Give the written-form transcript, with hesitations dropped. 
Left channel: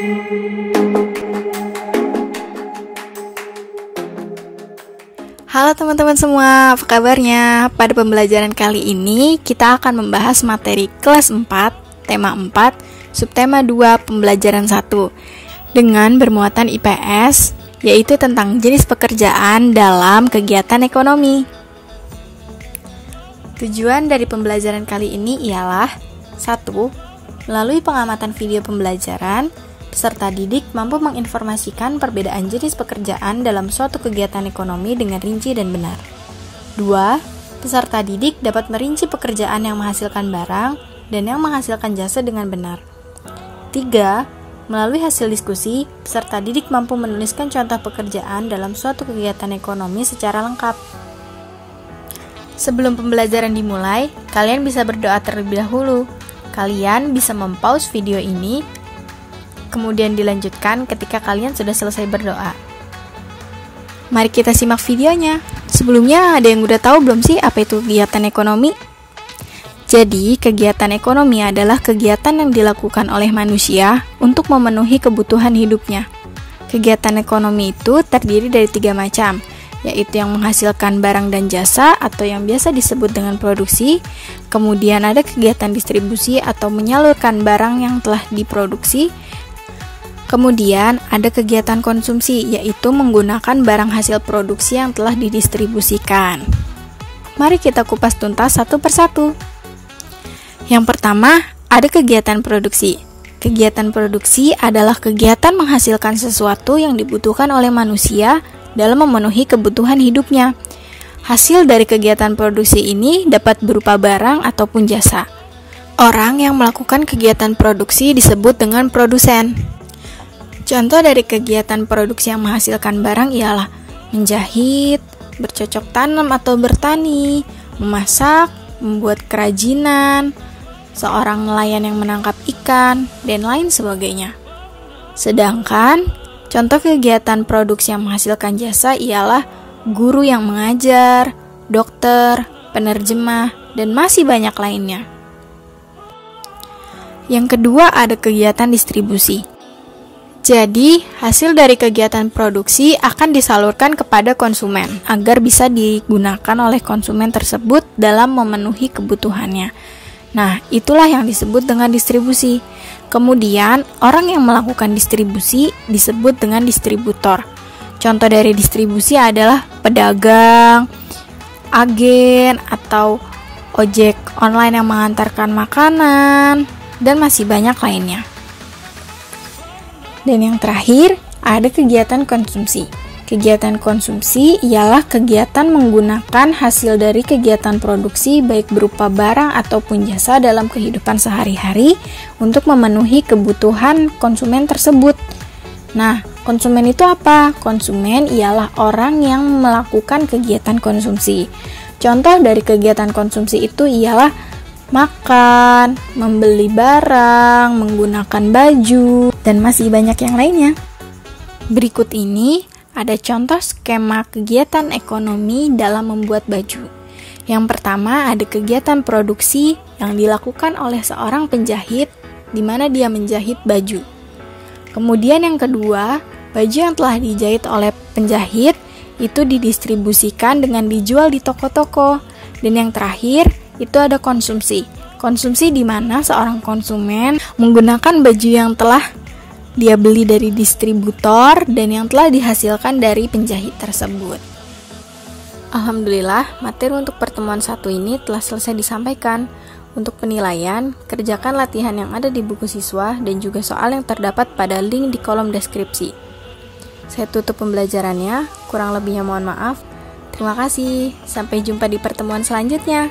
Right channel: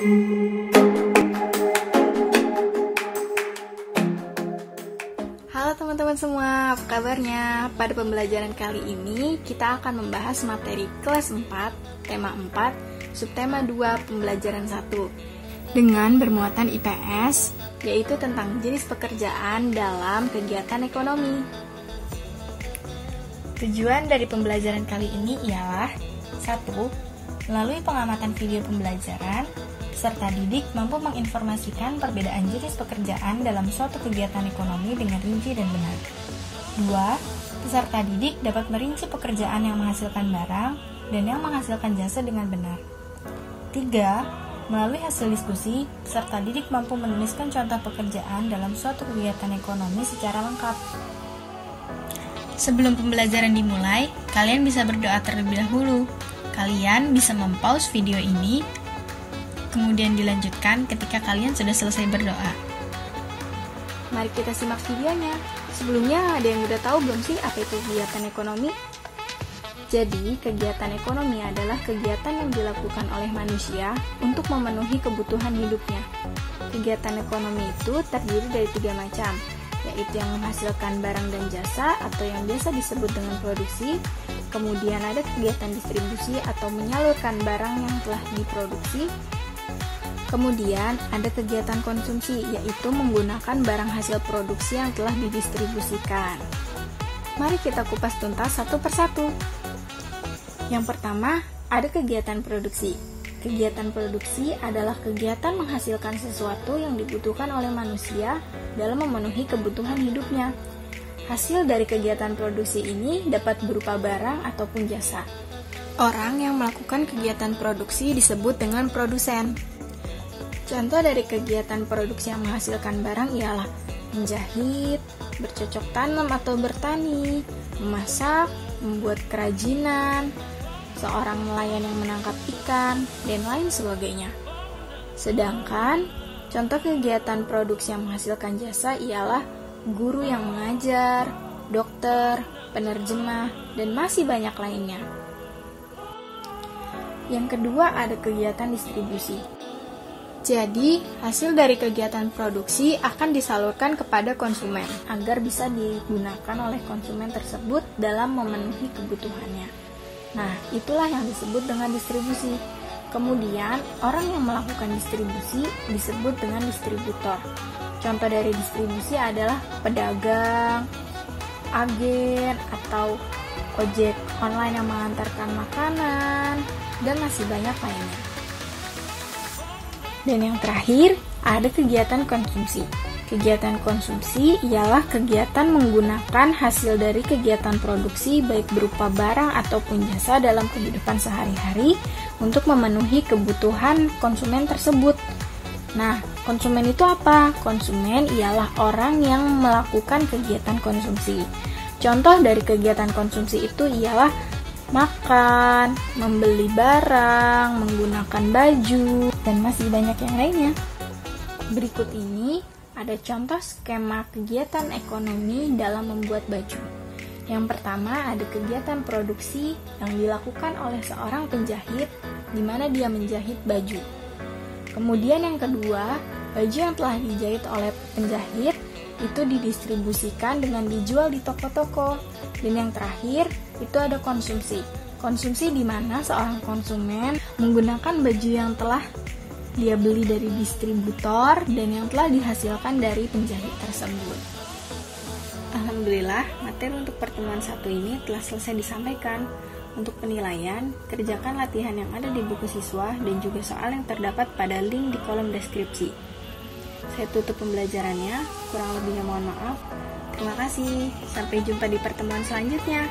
Halo teman-teman semua, apa kabarnya? Pada pembelajaran kali ini kita akan membahas materi kelas 4, tema 4, subtema 2, pembelajaran 1 dengan bermuatan IPS, yaitu tentang jenis pekerjaan dalam kegiatan ekonomi. Tujuan dari pembelajaran kali ini ialah 1. Melalui pengamatan video pembelajaran, peserta didik mampu menginformasikan perbedaan jenis pekerjaan dalam suatu kegiatan ekonomi dengan rinci dan benar. 2. Peserta didik dapat merinci pekerjaan yang menghasilkan barang dan yang menghasilkan jasa dengan benar. 3. Melalui hasil diskusi, peserta didik mampu menuliskan contoh pekerjaan dalam suatu kegiatan ekonomi secara lengkap. Sebelum pembelajaran dimulai, kalian bisa berdoa terlebih dahulu. Kalian bisa mempause video ini, kemudian dilanjutkan ketika kalian sudah selesai berdoa. Mari kita simak videonya. Sebelumnya ada yang udah tahu belum sih apa itu kegiatan ekonomi? Jadi, kegiatan ekonomi adalah kegiatan yang dilakukan oleh manusia untuk memenuhi kebutuhan hidupnya. Kegiatan ekonomi itu terdiri dari 3 macam, yaitu yang menghasilkan barang dan jasa atau yang biasa disebut dengan produksi. Kemudian ada kegiatan distribusi atau menyalurkan barang yang telah diproduksi. Kemudian ada kegiatan konsumsi, yaitu menggunakan barang hasil produksi yang telah didistribusikan. Mari kita kupas tuntas satu persatu. Yang pertama, ada kegiatan produksi. Kegiatan produksi adalah kegiatan menghasilkan sesuatu yang dibutuhkan oleh manusia dalam memenuhi kebutuhan hidupnya. Hasil dari kegiatan produksi ini dapat berupa barang ataupun jasa. Orang yang melakukan kegiatan produksi disebut dengan produsen. Contoh dari kegiatan produksi yang menghasilkan barang ialah menjahit, bercocok tanam atau bertani, memasak, membuat kerajinan, seorang nelayan yang menangkap ikan, dan lain sebagainya. Sedangkan, contoh kegiatan produksi yang menghasilkan jasa ialah guru yang mengajar, dokter, penerjemah, dan masih banyak lainnya. Yang kedua ada kegiatan distribusi. Jadi, hasil dari kegiatan produksi akan disalurkan kepada konsumen agar bisa digunakan oleh konsumen tersebut dalam memenuhi kebutuhannya. Nah, itulah yang disebut dengan distribusi. Kemudian, orang yang melakukan distribusi disebut dengan distributor. Contoh dari distribusi adalah pedagang, agen, atau ojek online yang mengantarkan makanan, dan masih banyak lainnya. Dan yang terakhir, ada kegiatan konsumsi. Kegiatan konsumsi ialah kegiatan menggunakan hasil dari kegiatan produksi baik berupa barang ataupun jasa dalam kehidupan sehari-hari untuk memenuhi kebutuhan konsumen tersebut. Nah, konsumen itu apa? Konsumen ialah orang yang melakukan kegiatan konsumsi. Contoh dari kegiatan konsumsi itu ialah makan, membeli barang, menggunakan baju, dan masih banyak yang lainnya. Berikut ini ada contoh skema kegiatan ekonomi dalam membuat baju. Yang pertama ada kegiatan produksi yang dilakukan oleh seorang penjahit di mana dia menjahit baju. Kemudian yang kedua, baju yang telah dijahit oleh penjahit itu didistribusikan dengan dijual di toko-toko. Dan yang terakhir, itu ada konsumsi. Konsumsi di mana seorang konsumen menggunakan baju yang telah dia beli dari distributor dan yang telah dihasilkan dari penjahit tersebut. Alhamdulillah, materi untuk pertemuan 1 ini telah selesai disampaikan. Untuk penilaian, kerjakan latihan yang ada di buku siswa dan juga soal yang terdapat pada link di kolom deskripsi. Saya tutup pembelajarannya, kurang lebihnya mohon maaf. Terima kasih, sampai jumpa di pertemuan selanjutnya.